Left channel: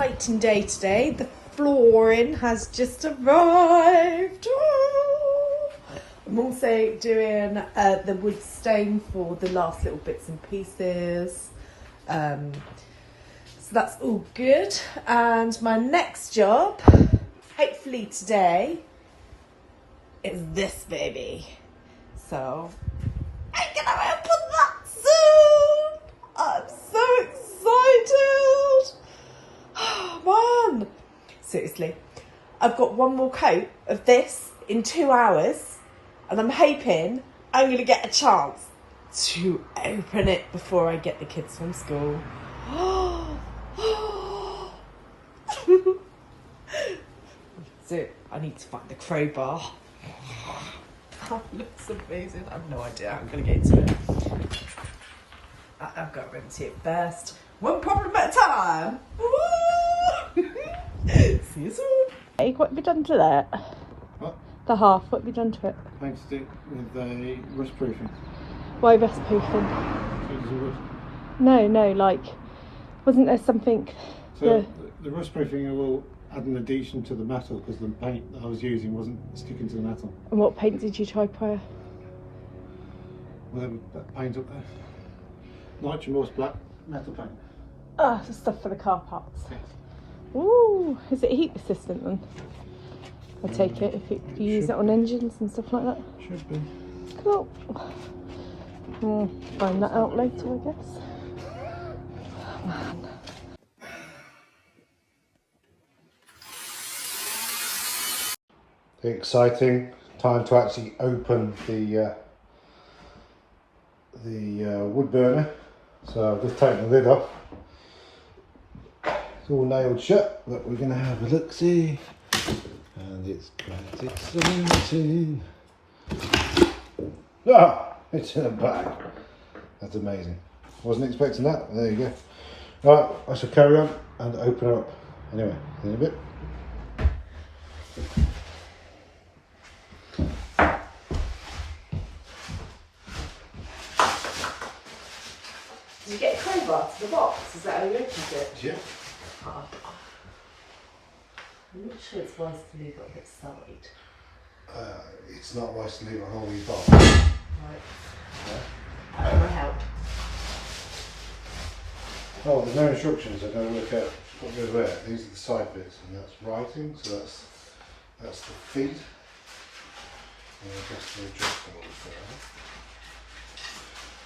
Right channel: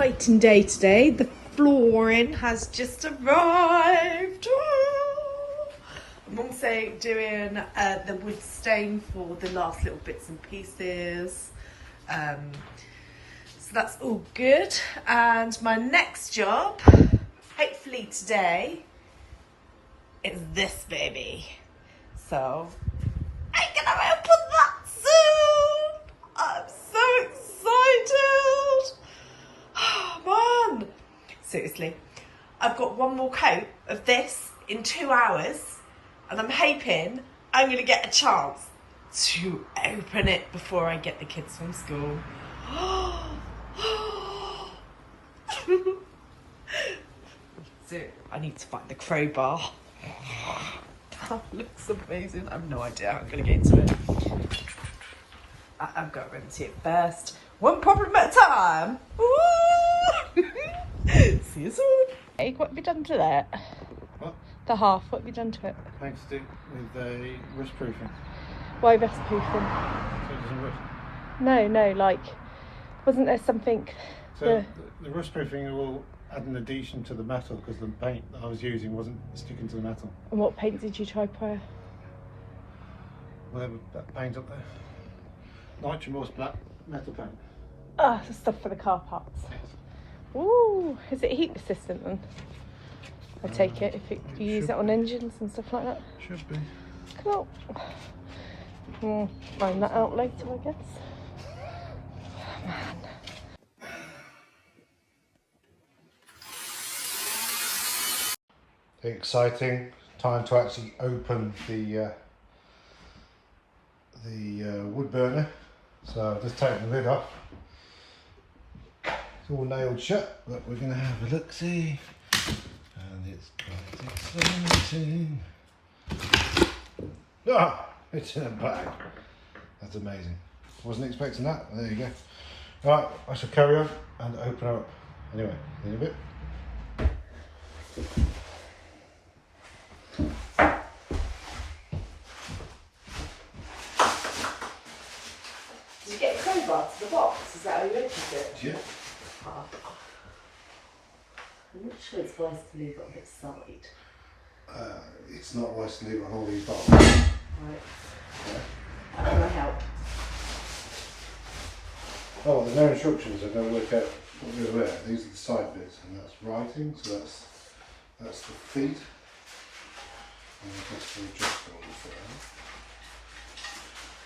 exciting day today. The flooring has just arrived. I'm also doing the wood stain for the last little bits and pieces. So that's all good. And my next job, hopefully today, is this baby. So I'm gonna open that soon. I'm so excited. Oh man. Seriously. I've got one more coat of this in 2 hours and I'm hoping I'm going to get a chance to open it before I get the kids from school. So I need to find a crowbar. That looks amazing. I have no idea how I'm going to get into it. I've got to empty it first. One problem at a time. See you soon. Hey, what have you done to that? What? The half, what have you done to it? Painted it with a rust proofing. Why rust proofing? So there's a rust. No, like, wasn't there something? So the rust proofing will add an addition to the metal because the paint that I was using wasn't sticking to the metal. And what paint did you try prior? Whatever that paint up there. Nitrogen Morse black metal paint. Oh, the stuff for the car parts. Yes. Ooh, is it heat resistant then? I take it if you use it on engines and stuff like that. Should be. Cool. Find that out later, I guess. The exciting time to actually open the wood burner. So I've just taken the lid off. It's all nailed shut, but we're going to have a look-see. And it's quite exciting. Ah! It's in a bag. That's amazing. Wasn't expecting that. There you go. Alright, I shall carry on and open her up. Anyway, in a bit. Did you get a crowbar to the box? Is that how you opened it? Yeah. Oh. I'm not sure it's wise to leave it on its side. It's not wise to leave it on all these bolts. Right. Yeah. How can I help? Oh, there's no instructions. I've got to work out what goes where. These are the side bits, and that's writing. So that's the feet. And I guess the adjustable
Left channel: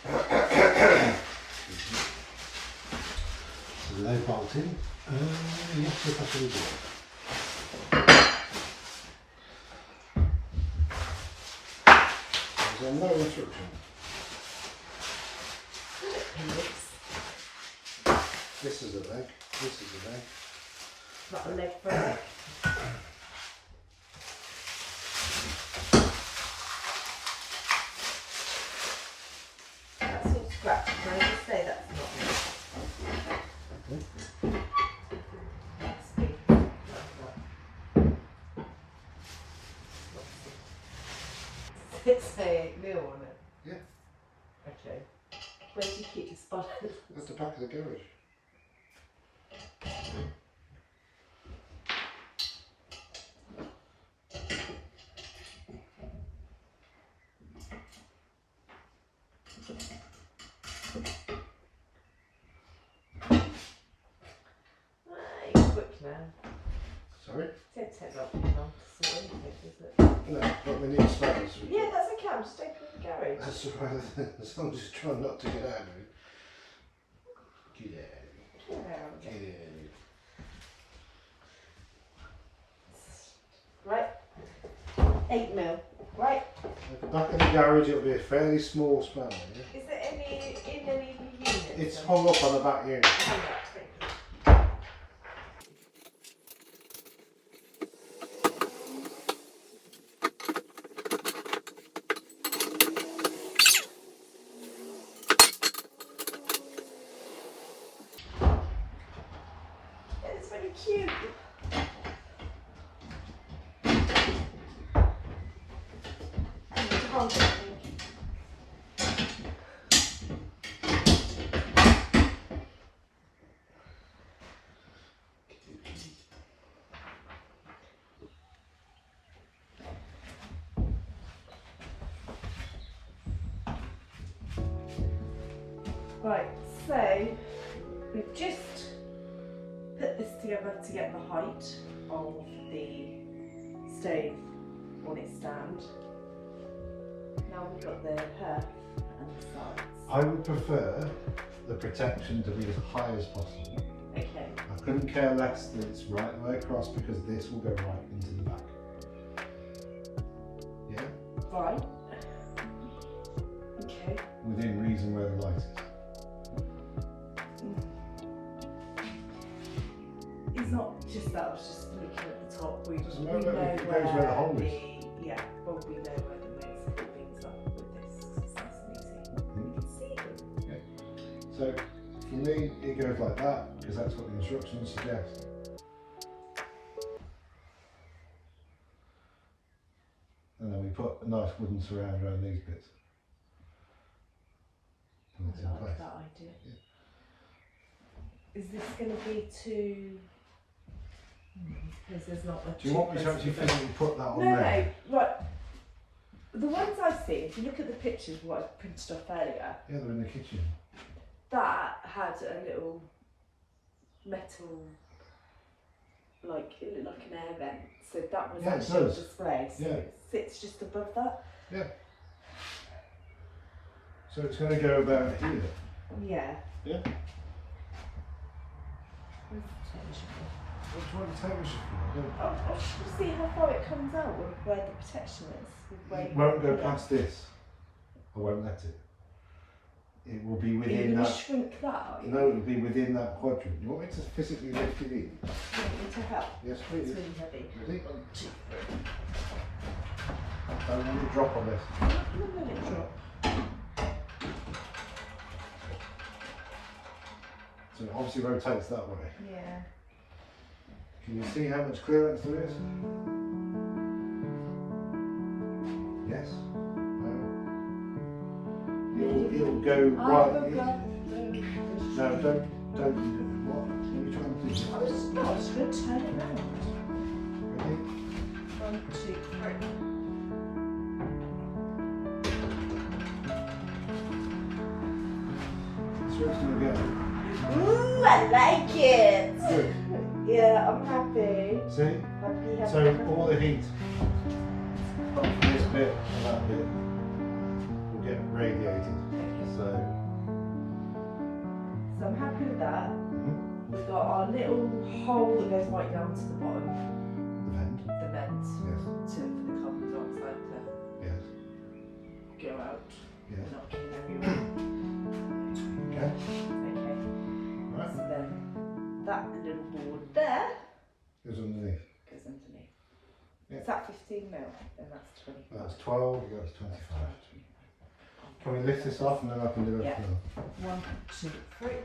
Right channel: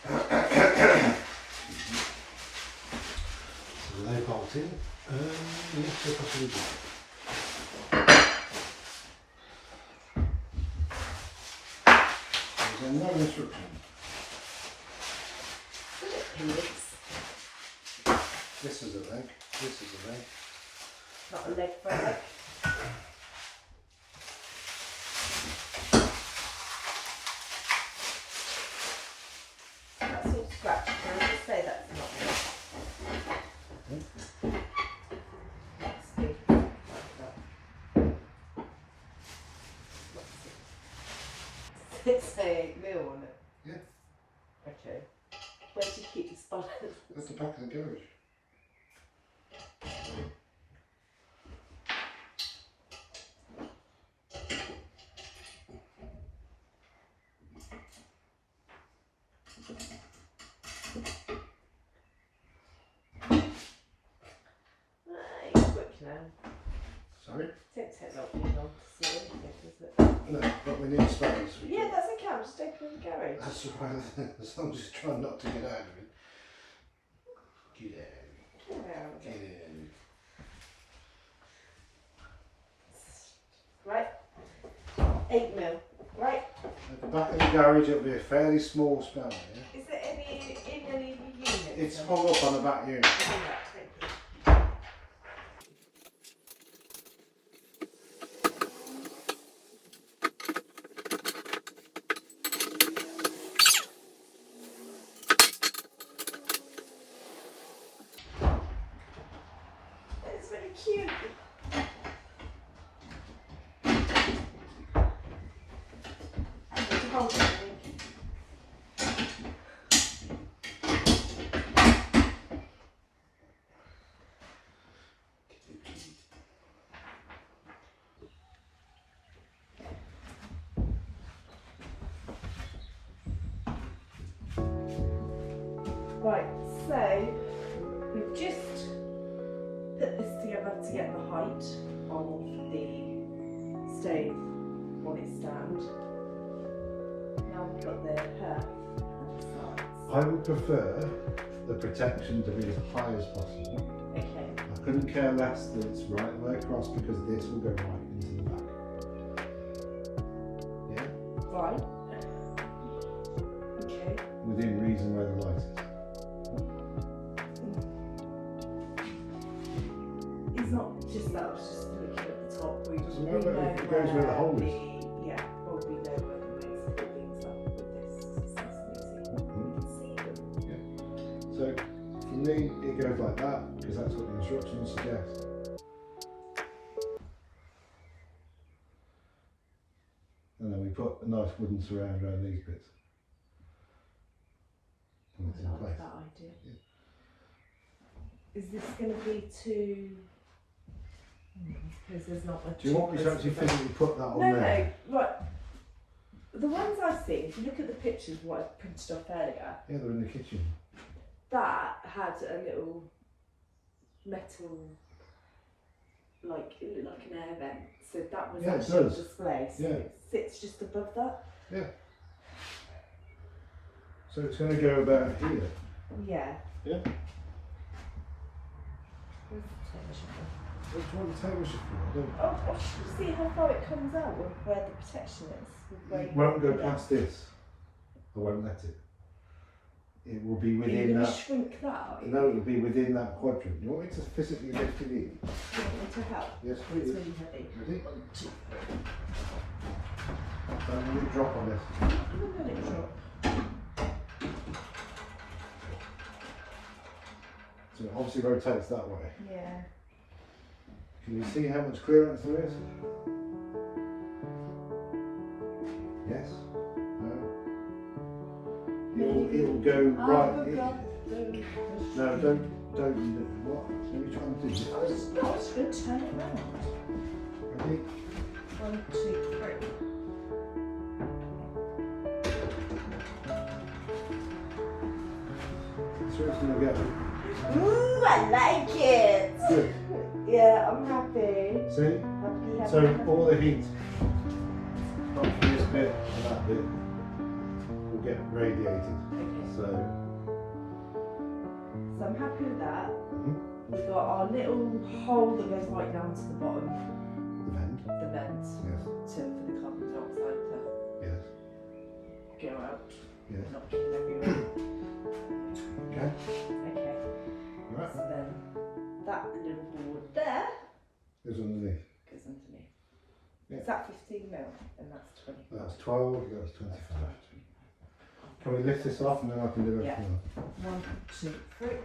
there. No bolting. Yes, I possibly do. There's no instruction. This is a leg. This is a leg. Not a leg for a leg. That's all scratched. Can I just say that's not it? That's big. It's a wheel on it. Yeah. Okay. Where do you keep your spotters? That's the back of the garage. You're quick now. Sorry? Don't take that long to see anything, does it? No, but we need spares. Yeah, that's okay. I'm just opening the garage. That's right. As long as you try not to get out of it. Get out of it. Get out of Get it. out of it. Right. 8 mil. Right. At the back of the garage, it'll be a fairly small spanner. Yeah? Is there any in any units? It's hung up on the back unit. It's very cute. Right, so we've just put this together to get the height of the stove on its stand. Now we've got the hearth and the sides. I would prefer the protection to be as high as possible. Okay. I couldn't care less that it's right the way across because this will go right into the back. Yeah? Right. Okay. Within reason where the light is. It's not just that, I was just looking at the top. We No, know it goes where the hole is. Yeah, well, we know where the most of things are with this. It's nice and easy. We can see them. So for me it goes like that because that's what the instructions suggest. And then we put a nice wooden surround around these bits. And it's in I place. like that idea. Is this going to be too... Because there's not much... Do you want me to actually physically put that on there? No, right. The ones I've seen, if you look at the pictures, what I printed off earlier, Yeah, they're in the kitchen. that had a little metal, like, it looked like an air vent. So that was Yeah, it actually on does. display. So Yeah. it sits just above that. Yeah. So it's going to go about here. Yeah. Yeah. Where's the tension? What's what the television for? I don't. I'll see how far it comes out with where the protection is. With where It you won't go put it. past this. I won't let it. It will be Are you within going to that. shrink that out? No, it'll be within that quadrant. You want me to physically lift it in? Do you want me to help? Yes, It's please. really heavy. Ready? 1, 2, 3. Don't let it drop on this. Look at it drop. So it obviously rotates that way. Yeah. Can you see how much clearance there is? Yes? No? It'll go right. No, don't. What are you trying to do? I was going to turn it round. Ready? 1, 2, 3. That's where it's going to go. Ooh, I like it. Good. Yeah, I'm happy. See? Happy. So all the heat from this bit and that bit will get radiated. So I'm happy with that. We've got our little hole that goes right down to the bottom, the vent. the vent, Yes. for the carbon dioxide Yes. to go out. Yes. Not kill everyone. Okay. Okay. Right. So then that little board there Goes underneath. goes underneath. Yeah. Is that 15 mil? And that's 25. That's 12. That's 25. Can we lift this off and then I can do Yeah. everything else? 1, 2, 3.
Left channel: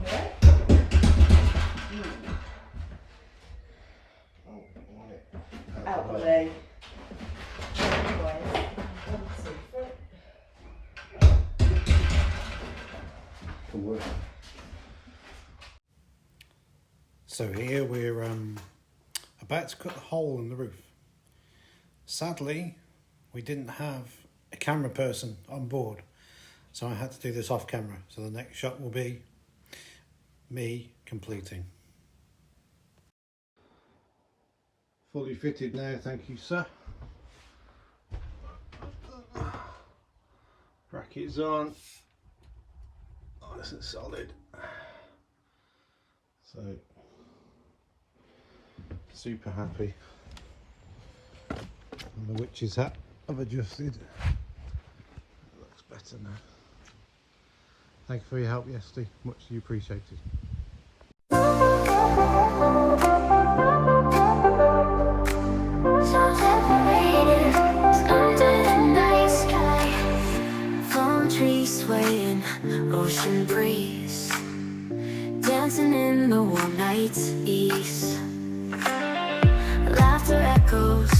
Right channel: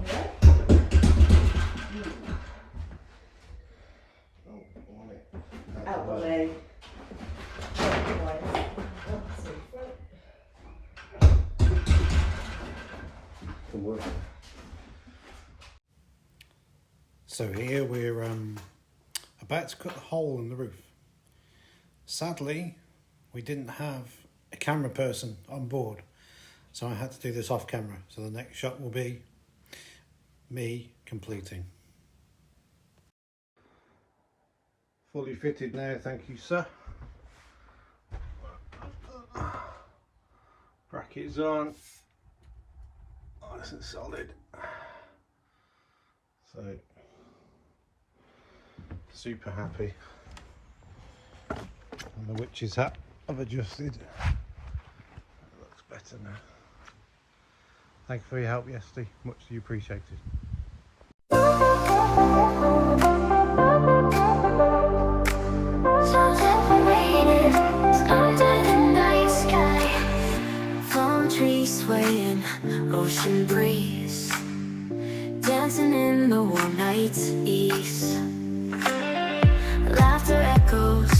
Okay. Oh, I want it Out the way. way. Out the way. 1, 2, 3. To work. So here we're about to cut the hole in the roof. Sadly, we didn't have a camera person on board, so I had to do this off camera. So the next shot will be me completing. Fully fitted now, thank you, sir. Brackets on. Nice and solid. So, super happy. And the witch's hat I've adjusted. It looks better now. Thank you for your help yesterday, muchly appreciated. So separated, skies in the night sky, palm trees swaying, ocean breeze, dancing in the warm night's ease. Laughter echoes